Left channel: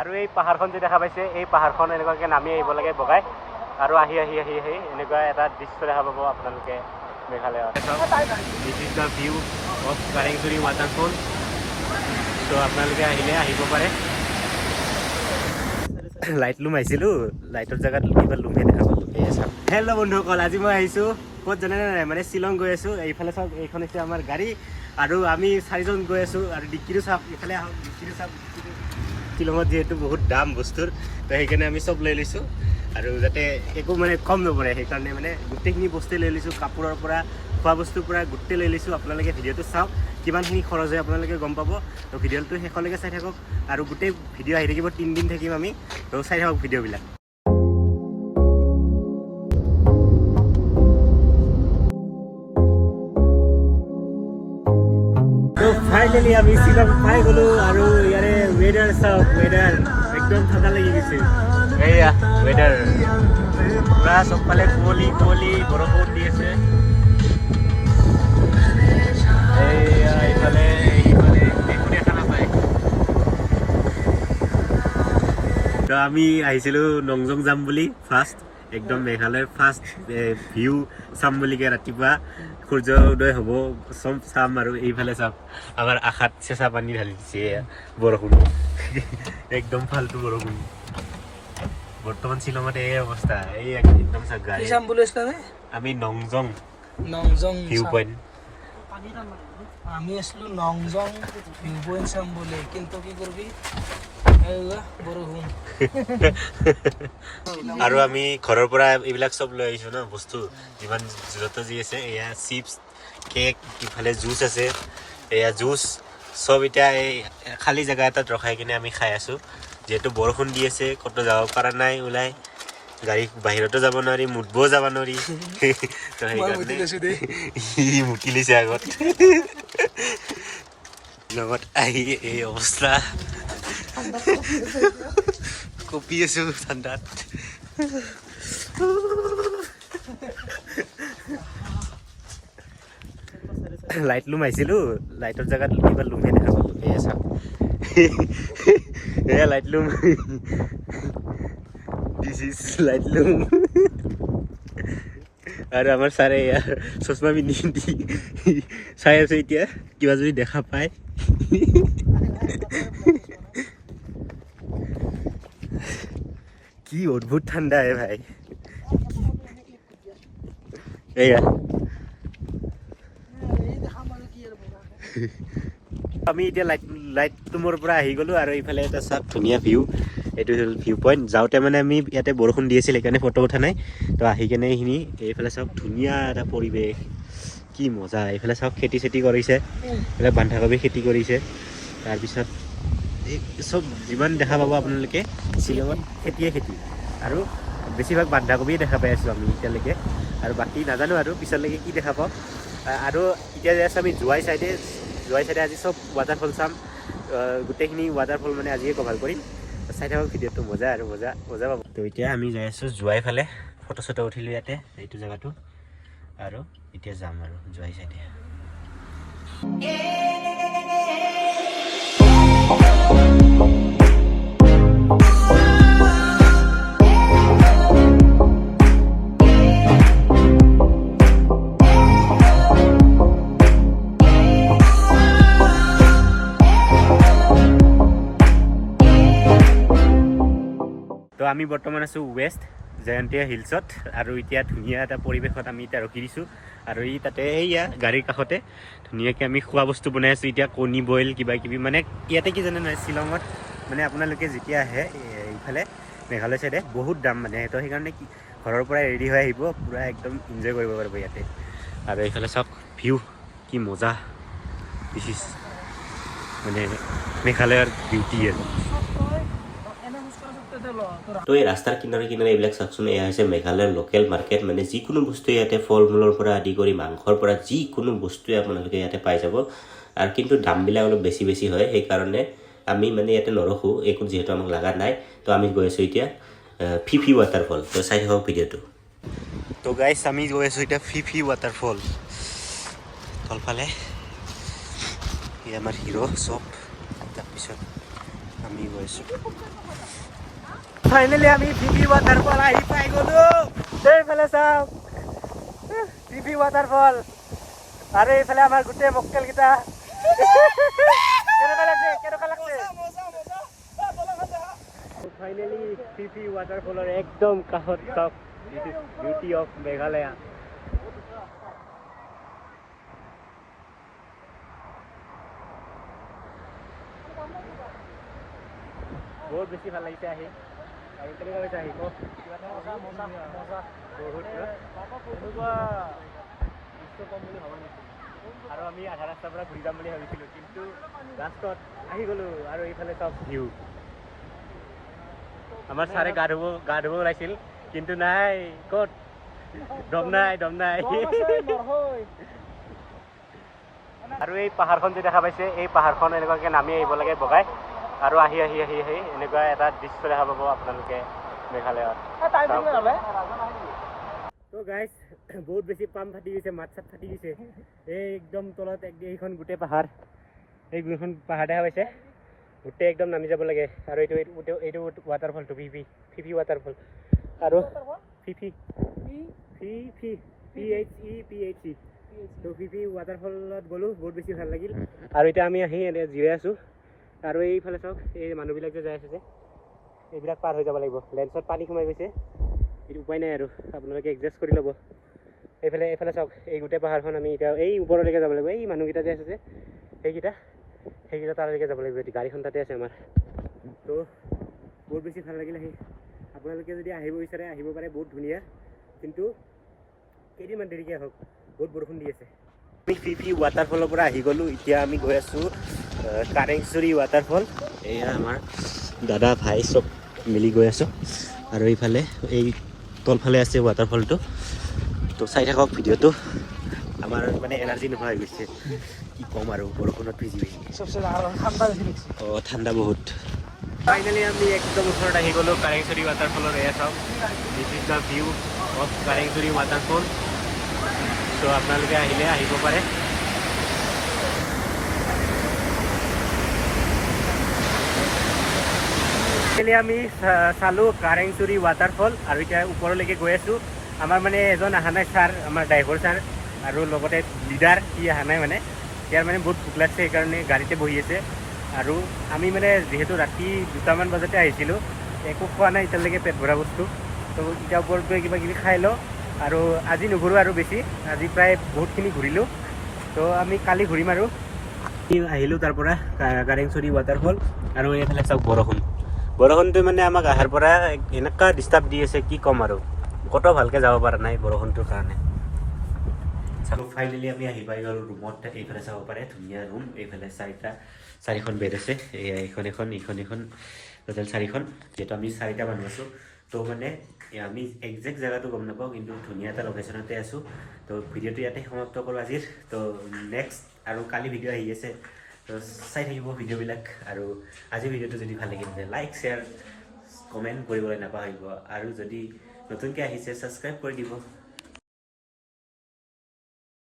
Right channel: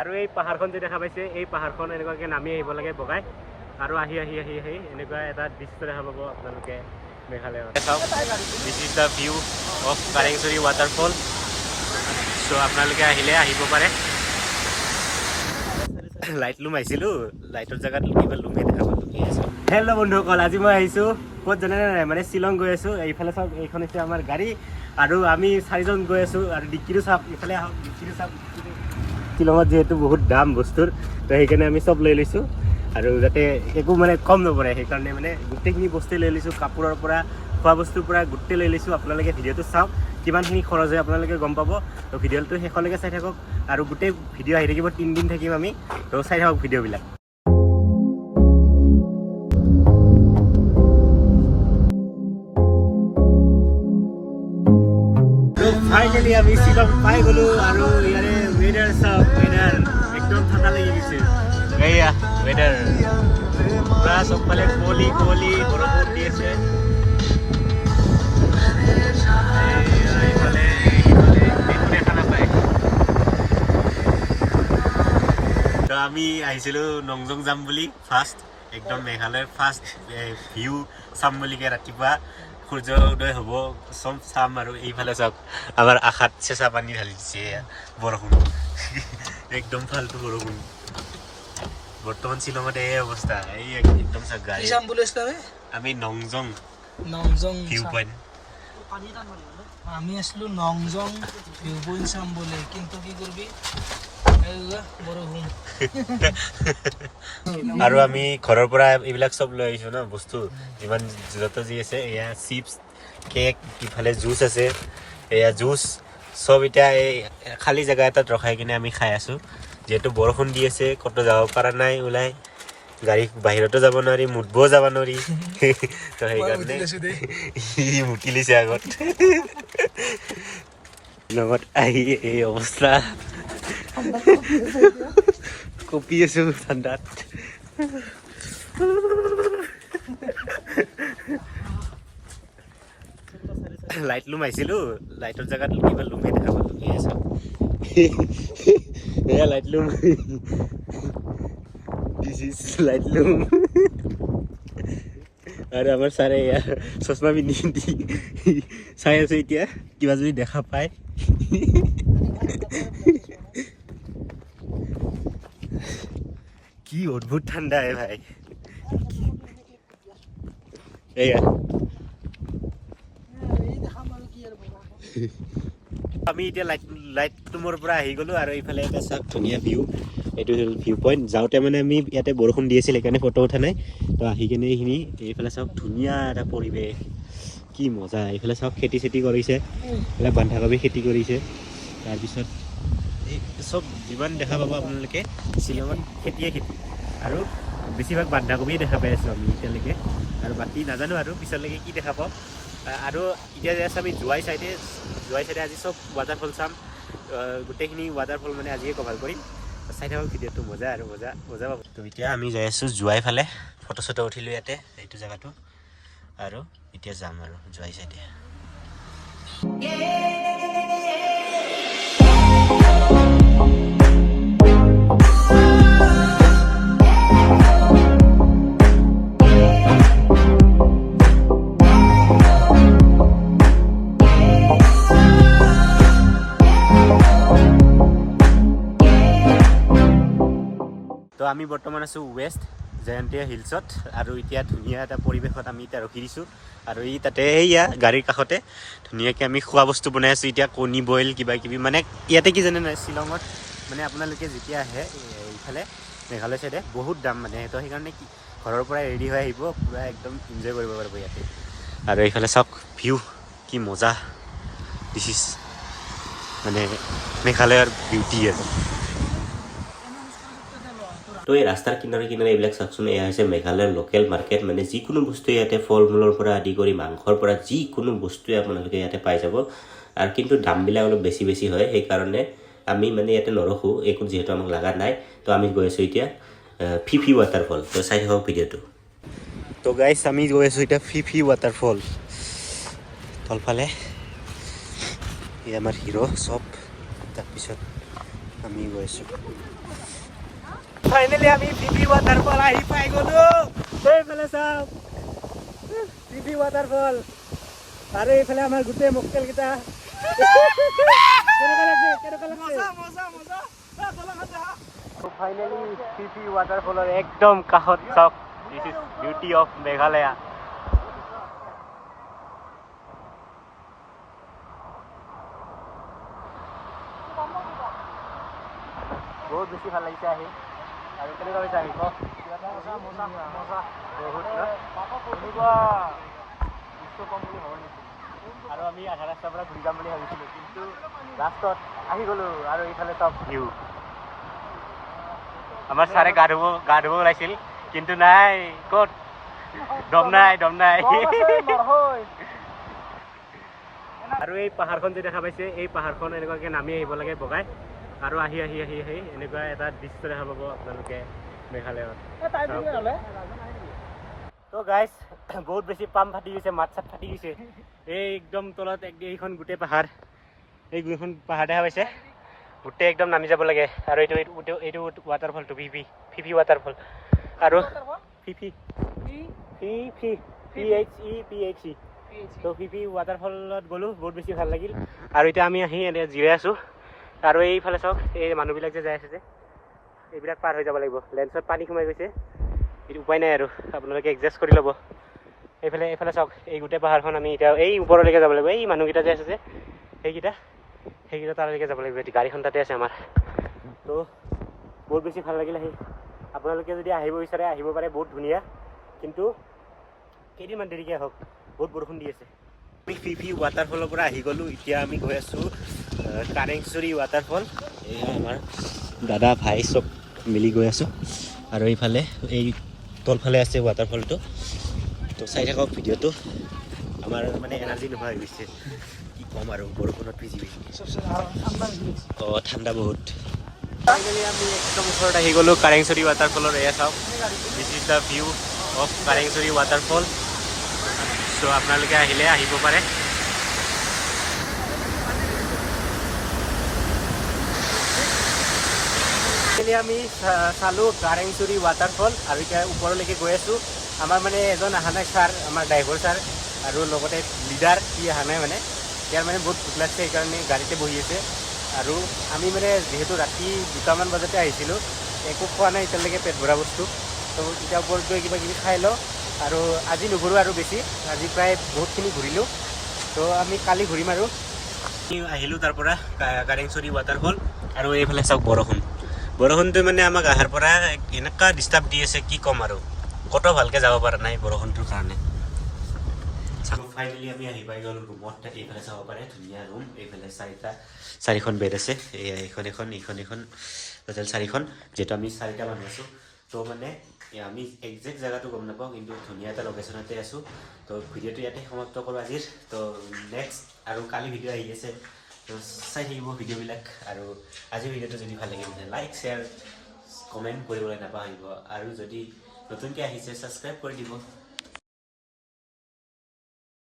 আৰু এই পাহাৰখন যে দেখা পাইছে এই পাহাৰখন এনেকুৱাকৈ নামি আহিব লাগে বগাই আৰু আহি এনেকুৱা এটা দৃশ্য দেখা পাব আপোনালোকে মেঘালয়ত। This is the view of Krangsuri waterfall. চ' আপোনালোকে আহিলে আহিব পাৰে। লাইট লুম আহিছিলোঁ, লাইটৰ জেগাত কিবা লুমহে দেখা পালোঁ। হেল্ল' বন্ধুসকল, আজি মই আহিছোঁ ক'ত জানে নাই, মানে শ্বিলং গৈ আছোঁ। এইফালে চাওক, এইখন হৈছে আমাৰ গাড়ী আৰু আমি 4জন গৈ আছোঁ। আৰু ডিক্কিটো চাওক, এইফালে আহক, ডিক্কিটো চাওক। শ্বিলঙত যিহেতু বহুত দাম বস্তুৰ, তো সেইকাৰণে আমি চব লৈ লৈছোঁ আৰু যাতে একো মানে কম নপৰে, সেইকাৰণে মানে গোটেইখিনি বস্তুৱে লৈ লৈছোঁ। কাপোৰৰ পৰা খোৱা বস্তুৰ পৰা গোটেই লৈ লৈছোঁ। আপোনালোকে ভিডিঅ'টো চাওক, কিমানখিনি খৰচ হয় আপোনালোকে গম পাব। তো ভিডিঅ'টো শেষলৈকে চাই থাকক আৰু গোটেই ভিডিঅ' আহি থাকিব, 3 দিন থাকিম আমি। তো চাই থাকক ভিডিঅ'বিলাক। ফাইনেলি আমি শ্বিলং পাই গ'লো আৰু ইয়াৰে ৱেডাৰ চাওক, ৱেডাৰ একদম ঠাণ্ডা লাগি গৈছে। এয়া ৱেডাৰ পুৰা চবফালে কুঁৱলী বৰষুণ দি আছে। এইফালে একো দেখা নাপায়। তো আমি আহিছিলোঁ নংজং যাম বুলি ফাৰ্ষ্ট, একদম মেঘালয়ৰ ফাৰ্ষ্ট ভিউ চাম বুলিকে। ৰাতিপুৱা সূৰ্য উদয় হ'ব, চব চাম। আৰু এইফালে চাওক, আমাৰ আশাত চেঁচা পানী ঢালি দিছে বৰষুণ। একদম ফাল্টু বৰষুণ। বৰ্তমান শ্বিলঙত এই অৱস্থা। এই একদম চাওক গাড়ী। আমি নংজং ভিউ পইণ্ট। আমি আসলো নংজং ভিউ পইণ্ট চাম বুলি, কিন্তু কি কৰিবি আৰু আমি ঘৰৰ পৰা এইবিলাক চব লৈ আহিছোঁ ন বস্তু, যিমান যত যি আছে। এয়া চিপছ, কেক, ইফালে জুচ আছে, এয়া জুচ চব। এতিয়া এই খালী জেগা এটাত ৰখাই কিনে আমি খাই আছোঁ। যিহেতু বৰষুণ দি আছে, ক'তো যাব পৰা নাই ওলাই, গাড়ী বাহিৰতো যাব নোৱাৰি, মুতবও যাব নোৱাৰি। তো সেইকাৰণে ই মুতি লৈছে আগত। লগত আহি এই অৱস্থা, কঁপি আছো ঠাণ্ডাত। লাইট লুম আহিছিলোঁ, লাইটৰ জেগাত কিবা লুমহে দেখা পালোঁ। এয়া চাওক, এয়া Laitlum. This is Laitlum. আৰু আমাৰ ছাৰে এয়া চশমা পিন্ধি চাই আছে এতিয়া, কিবা যদি দেখা পায়। কি অদ্ভুত ঠাণ্ডা ভাই। এয়া আমি এতিয়া লাইট লুমৰ পৰা আহি গ'লোঁ আৰু এইফালে এটা চাওক ধুনীয়া ভিউ। এইটো হ'ল ভিউ পইণ্ট। যাওঁতে মানে আমি ইয়াতে বৰষুণ দি আছিল, সেইকাৰণে ফটো উঠা নাই। তো আহি কেনে এইখিনি এইফালে চাওক, ধুনীয়া এটা পৰিৱেশ, কি মজা। এইফালে চাওক খেতি চেতি কৰিছে, এইফালে বন্ধাকবি খেতি কৰিছে। তাৰপিছত এই চব যিমান দেখা পাব আপোনালোকে শ্বিলঙত খেতিয়ে খেতি, আৰু বেছিভাগ বন্ধাকবিয়ে দেখা পাই আছোঁ আমি এতিয়ালৈকে। আৰু বাকী নাজানো আৰু পিছলৈকে কি দেখা পাওঁ। আৰু এতিয়া যে আছে আমি জোৱাই চাইডে আজি চব ৱাটাৰফল চাম। গোটেইখিনি ৱাটাৰফল মানে আজিয়ে কভাৰ কৰিম। চাই থাকক ভিডিঅ'টো, মজা আৰু মজা পাব। তো এতিয়া আমি যাই আছোঁ জোৱাই ফালে, ফটো চটো উঠিলোঁ ইয়াতে এইটো জেগাটো। আৰু এতিয়া যাম আৰু জোৱাই চাইডে। তো আমি বৰ্তমান আছোঁ ৱেষ্ট জয়ন্তীয়া হিলছত, আৰু এতিয়া ধুনীয়া এটা পৰিৱেশত আমি এতিয়া ৰখি দিছোঁ। আৰু ই তাতে এইয়া গাড়ীৰ কাষতে ধুনীয়াকৈ আমি খোৱা বস্তু বনাই আছোঁ এতিয়া, কণী বইল কিবা কিবি। মানে ইয়াতে কি জানে নাই, শ্বিলঙত মানে আপোনালোকে যেতিয়া আহে এইফালে মেঘালয় চাইডে বহুত দাম মানে। তো সেইকাৰণে কি ঘৰৰ পৰাই ৰেডি হৈ আহিব, পূৰা একদম এনজয় কৰিব পাৰিব ইয়াতে। আৰু এইফালে চাওক ভিউ, কি মজা। দিছ ইজ মানে মেঘালয়ৰ বিউটি আৰু। তো এই ৰাস্তাৰ কিনাৰে এইবিলাক চাওকচোন, এয়া হৈছে মেঘালয়ৰ লোকেল মাৰ্কেট। মানে যিকোনো বস্তু ইয়াতে, ফল মূলৰ পৰা আদি কৰি মাংসৰ পৰা যিকোনো বস্তুৱে আপোনালোকে ইয়াতে পাই যাব। আৰু কিন্তু দামবিলাক অলপ বেছি হয়, সেইকাৰণে আমি মানে ইয়াতে নৰখোঁ, একো যিহেতু আমাক লগা নাই। তো আমি গৈ আছোঁ এতিয়া ফিফি ৱাটাৰফল। তো চাই থাকক ভিডিঅ'টো। তো গাইছ, আমি গৈ আছোঁ এতিয়া ফিফি ৱাটাৰফল। তলফালে এই আমাৰ হিৰ' চব। তাৰপিছত আমি গৈ আছোঁ ফাইনেলি আমি ফিফি ৱাটাৰফল আহি পাই গ'লো এইফালে চাওক ফিফি ৱাটাৰফল আৰু এইফালে আমাৰ গোটেই মক্কেলকেইটা ফাইনেলি ফিফি ৱাটাৰফলৰ একদম কাষত চাওক this is beauty of Meghalaya বহুত বেছি ভাল লাগিছে আহি আৰু কেনেকুৱা হৈছে আহিব আৰু আমি আধা ৰাস্তাৰ পৰা ঘূৰি যাম বুলি ভাবিছিলোঁ কিন্তু লাষ্টত আহি গ'লোঁ আৰু এইফালে চব ভিউ আমাৰ ছাৰে গা ধুব ওলাইছিল কিন্তু নাই ক'ত দম নাই আৰু এই পাহাৰখন যে দেখা পাইছে এই পাহাৰখন এনেকুৱাকৈ নামি আহিব লাগে বগাই আৰু আহি এনেকুৱা এটা দৃশ্য দেখা পাব আপোনালোকে মেঘালয়ত চাওক তো গাইজ বহুত বেছি পাম ফাটি গৈছে মাত চাত ফাটি গৈছে এই একদম তলত এইখন গোটেই পাহাৰ এই গোটেইখন পাহাৰ দেখা পাইছে গোটেই একদম নামি যাব লাগে আৰু এইটো ৱাটাৰফলটো ফিফি ৱাটাৰফল আৰু PHE তো ফিফি ৱাটাৰফলত গ'লোঁ বহুত বেছি ভাল লাগিল আৰু এতিয়া আমি আহি এনে জিৰাই আছোঁ আৰু এইফালে চাওক এই মানুহবিলাক যে যাই আছে যে এইবিলাক পাৰ হৈ যাব লাগিব লেন্সত পানী সোমাই গৈছে এইটো উপায় নাই আৰু আপোনালোকে এডজাষ্ট কৰি ল'ব এইফালে চাওক এই গোটেই পাহাৰখন আমি এতিয়া এই ওপৰলৈকে যাব লাগিব এই মানুহকেইটা যে আছে যে সেইকেইটা তালৈকে যাব লাগিব গাড়ীখন তাতে আছে আমাৰ তো বহুত বেছি ভাল লাগিল আহি আপোনালোকে যদি আহিব বিচাৰে আহিব পাৰে বহুত ধুনীয়া কিন্তু কেইদিনমান দেৰিকৈ আহক বহুত বৰষুণ দি আছে আমি ফিফি ৱাটাৰফলৰ পৰা আহি গ'লোঁ এতিয়া আমি গৈ আছোঁ কাৰেংচৰি ৱাটাৰফল এয়া আমাৰ দাদা ভাই চব মিলি গৈ আছোঁ আৰু এইফালে এই তলফালে আছে ৱাটাৰফলটো তো চাই থাকক ভিডিঅ'টো আমাৰ মানে এনাৰ্জি নোহোৱা হৈ গৈছে কি ক'ম আৰু বৰষুণত ভিজি ঠাণ্ডা বহুত ফাইনেলি আমি একদম ওচৰত আহি গ'লোঁ কাৰেংচৰি ৱাটাৰফলৰ এয়া চাওক this is the view of Krangsuri waterfall চ' আপোনালোকে আহিলে আহিব পাৰে আমি চালোঁ কাৰেংচৰি ৱাটাৰফল আৰু এতিয়া ওপৰলৈকে গৈ আছোঁ আমাৰ মানে এজন অহা নাই ছাৰ আমাৰ ড্ৰাইভাৰ ছাৰ আৰু লগতে লিডাৰ সি অহা নাই মানে ইয়াৰ মানে বহুত ভোক লাগছে সেইকাৰণে গাড়ীতে বহি আছে আৰু আমি মানে যিহেতু ৰাতি 2টামান বজাতে আহিছিলোঁ একো খোৱা নাই এতিয়ালৈকে পেট ভৰা বস্তু তো এতিয়া ওপৰত গৈ কিবা কিবি খাই লওঁ আৰু আজি নুঘূৰোঁ আৰু বেছি আজি প্ৰায় বহুতখিনি ঘূৰিলোঁ তো আমি কালি ঘূৰিম আৰু আহিলোঁ তাৰ পৰা কাৰেংচৰি ৱাটাৰফল আৰু এইফালে চাওক বৰষুণটো মানে আমাক অহাৰ পৰা এনেকুৱা ডিষ্টাৰ্ব দি আছে কি ক'ম আৰু ক'তো ভালকৈ যাব পৰা নাই বৰষুণটোৰ কাৰণে ফাইনেলি আমি আহি পাই গ'লোঁ ৰুমত এইফালে চাব পাৰে ধুনীয়া ৰুম এইফালে চাৰিখন বেড আছে এইখন টোটেল 4খন যিহেতু আমি 4টা মানুহ আছোঁ তো মানে আমি একজেক্ট জেগাটো গম নাপাওঁ কিন্তু ধুনীয়া এটা লোকেশ্যনতে আছোঁ তো ভিডিঅ'টো ইয়াতে সমাপ্ত কৰোঁ আজিৰ তো নেক্সট আৰু কালি ভিডিঅ' আহি আছে তো চাই থাকিব ভিডিঅ'বিলাক আৰু আজিৰ ভিডিঅ'টো যদি ভাল লাগিল তেন্তে লাইক শ্বেয়াৰ কমেণ্ট কৰিবলৈ নাপাহৰিব আৰু যদি নতুনকৈ আহিছে ছাবস্ক্ৰাইব কৰি দিব